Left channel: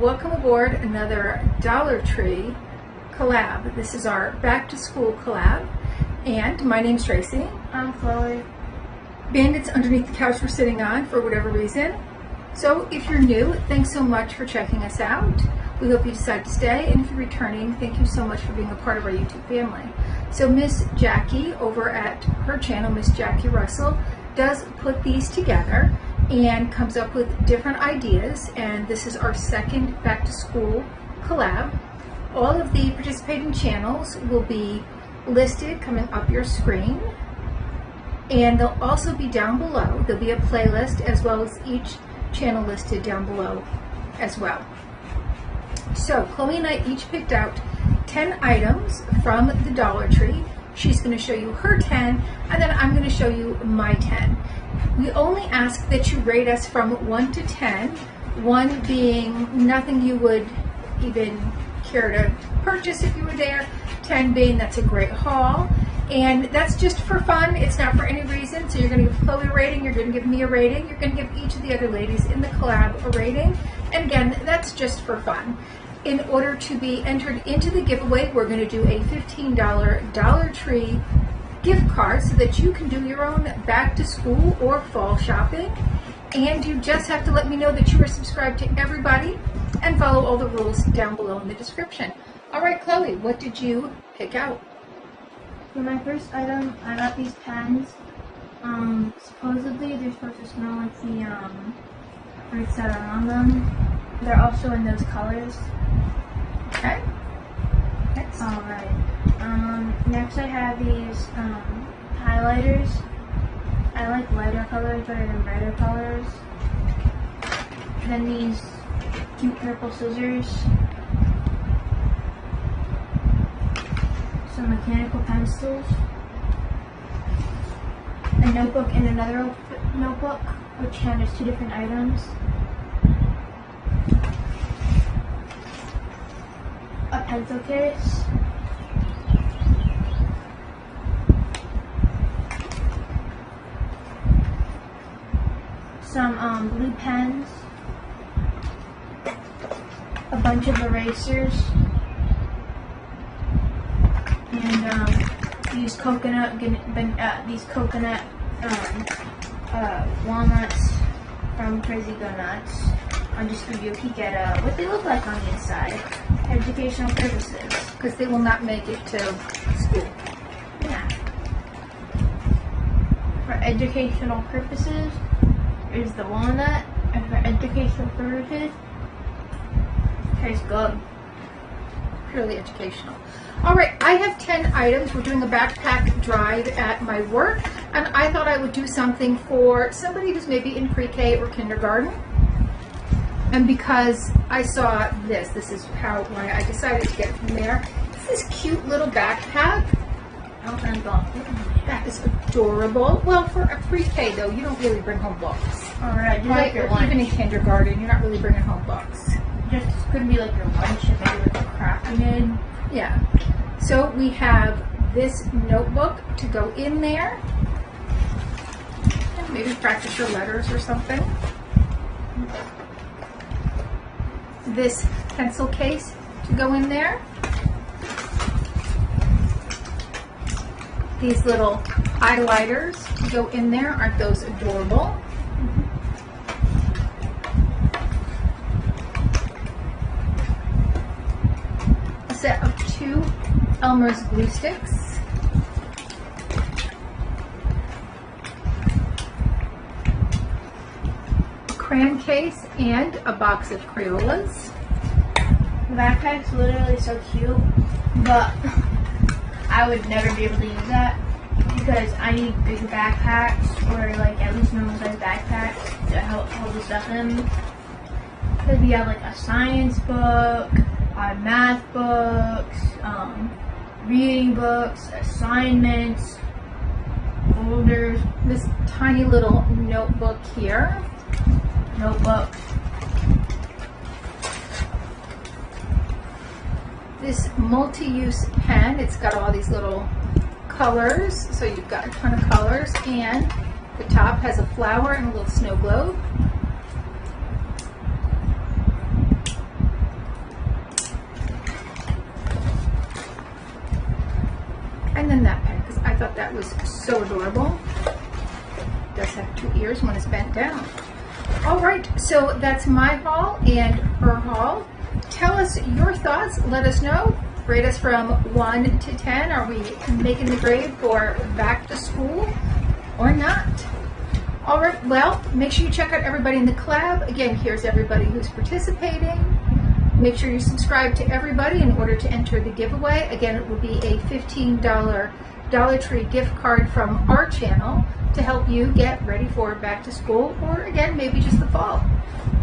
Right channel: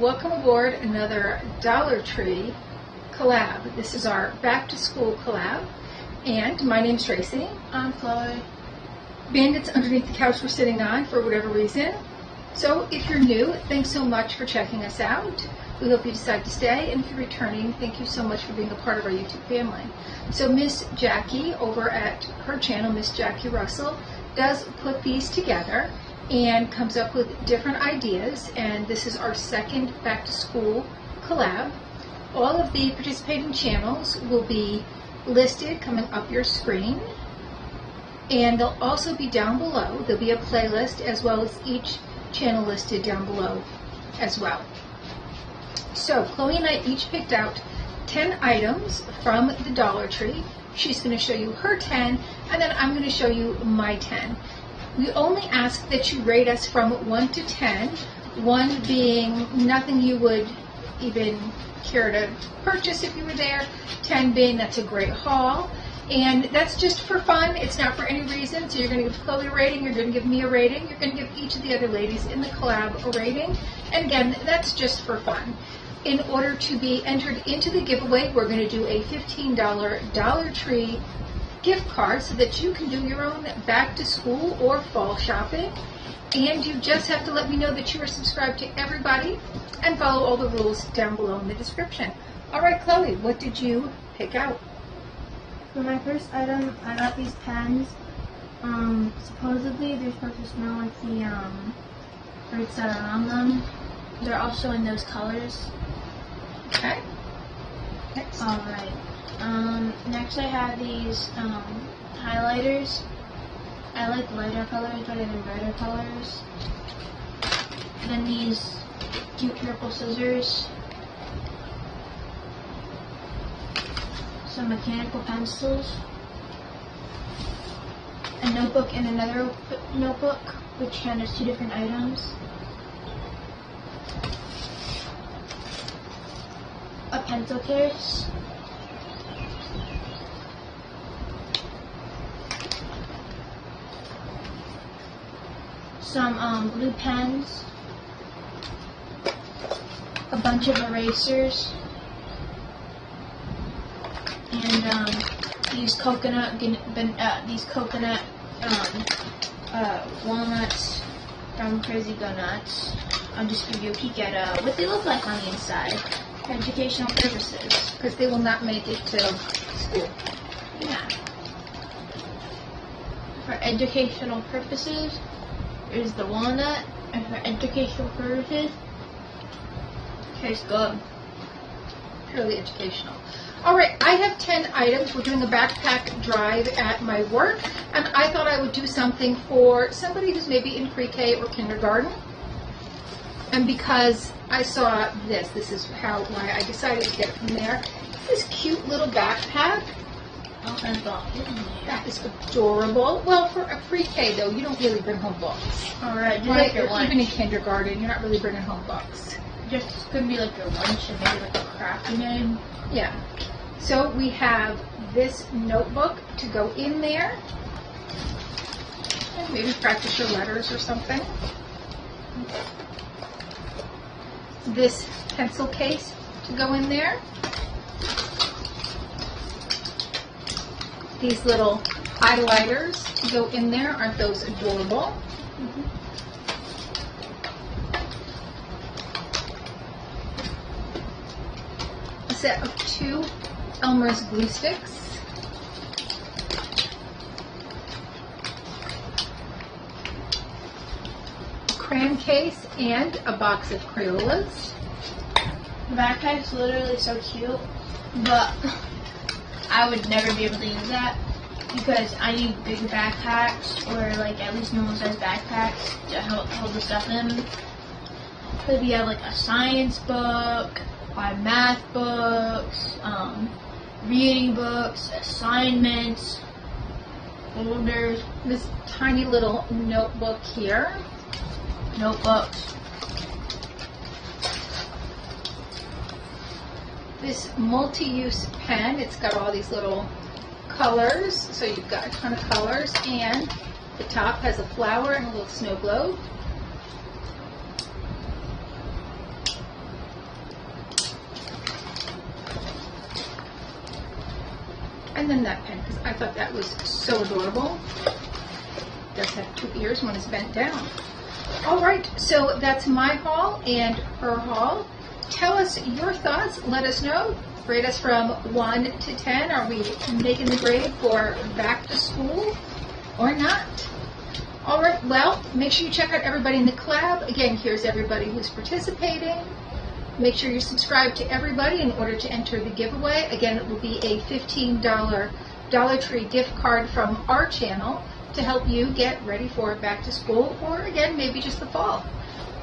Welcome aboard another Dollar Tree collab. This is our back to school collab, and my name's Tracey. I'm Chloe. Bandit's underneath the couch we're sitting on for whatever reason. So if you're new, thanks so much for checking us out. We hope you decide to stay, and if you're returning, thank you so much for being a part of our YouTube family. So Miss Jackie over at her channel, Miss Jackie Russell, does put these together and comes up with different ideas, and this is our second back to school collab. All of the participating channels will be listed coming up your screen, and they'll also be down below. There'll be a playlist as well as each channel listed down below as well. So Chloe and I each picked out 10 items from the Dollar Tree. She's going to show you her 10, and then I'm going to show you my 10. We only ask that you rate us from 1 to 10, 1 being nothing you would even care to purchase if you were there, 10 being that's a great haul, and that's just for fun. It's not for any reason. So you're going to give Chloe a rating, you're going to give me a rating, you're going to give each of the other ladies in the collab a rating, and again, that's just for fun. In order to be entered into the giveaway, we're going to do a $15 Dollar Tree gift card so that you can do your own back to school or fall shopping. And you just have to let me know that you are subscribed to everybody and follow all the rules down below in the description. All right, Chloe, what did you pick out? For my first item, I got these pens. Supposedly they're supposed to smell like the fruits that are on them. They're also in those colors. Okay. Next. Alright. Next I have these highlighters. I like lighter colors better than brighter colors. Then these cute purple scissors. Some mechanical pencils. A notebook and another notebook, which handles 2 different items. A pencil case. Some blue pens. A bunch of erasers. And these coconut walnuts from Crazy Go Nuts. I'll just give you a peek at what they look like on the inside. For educational purposes. Because they will not make it to school. Yeah. For educational purposes, here's the walnut. And for educational purposes, tastes good. Purely educational. All right, I have 10 items. We're doing a backpack drive at my work, and I thought I would do something for somebody who's maybe in pre-K or kindergarten. And because I saw this is why I decided to get it from there. This is cute little backpack. That is adorable. Well, for a pre-K though, you don't really bring home books. Alright, just Right? like your lunch. Even in kindergarten, you're not really bringing home books. Just could be like your lunch and maybe like a craft you made. Yeah. So we have this notebook to go in there. And maybe practice your letters or something. This pencil case to go in there. These little highlighters to go in there. Aren't those adorable? A set of 2 Elmer's glue sticks. A crayon case and a box of Crayolas. The backpack's literally so cute, but I would never be able to use that because I need big backpacks or like at least normal size backpacks to hold the stuff in. Because we have like a science book, our math books, reading books, assignments, folders, This tiny little notebook here. notebooks. This multi-use pen, it's got all these little colors, so you've got a ton of colors, and the top has a flower and a little snow globe. And then that pen, because I thought that was so adorable. It does have 2 ears, one is bent down. All right, so that's my haul and her haul. Tell us your thoughts. Let us know. Rate us from 1 to 10. Are we making the grade for back to school or not? All right, well, make sure you check out everybody in the collab. Again, here's everybody who's participating. Make sure you subscribe to everybody in order to enter the giveaway. Again, it will be a $15 Dollar Tree gift card from our channel to help you get ready for back to school, or again, maybe just the fall.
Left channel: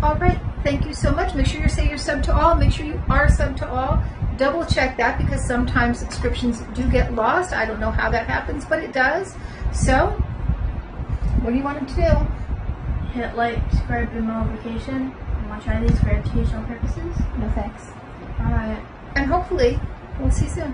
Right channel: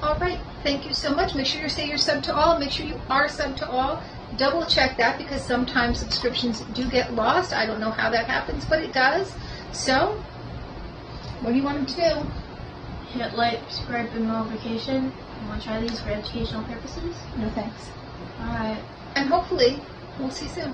All right, thank you so much. Make sure you say you're sub to all. Make sure you are sub to all. Double check that, because sometimes subscriptions do get lost. I don't know how that happens, but it does. So, what do you want them to do? Hit like, subscribe, and notification. You want to try these for educational purposes? No thanks. Alright. And hopefully, we'll see you soon.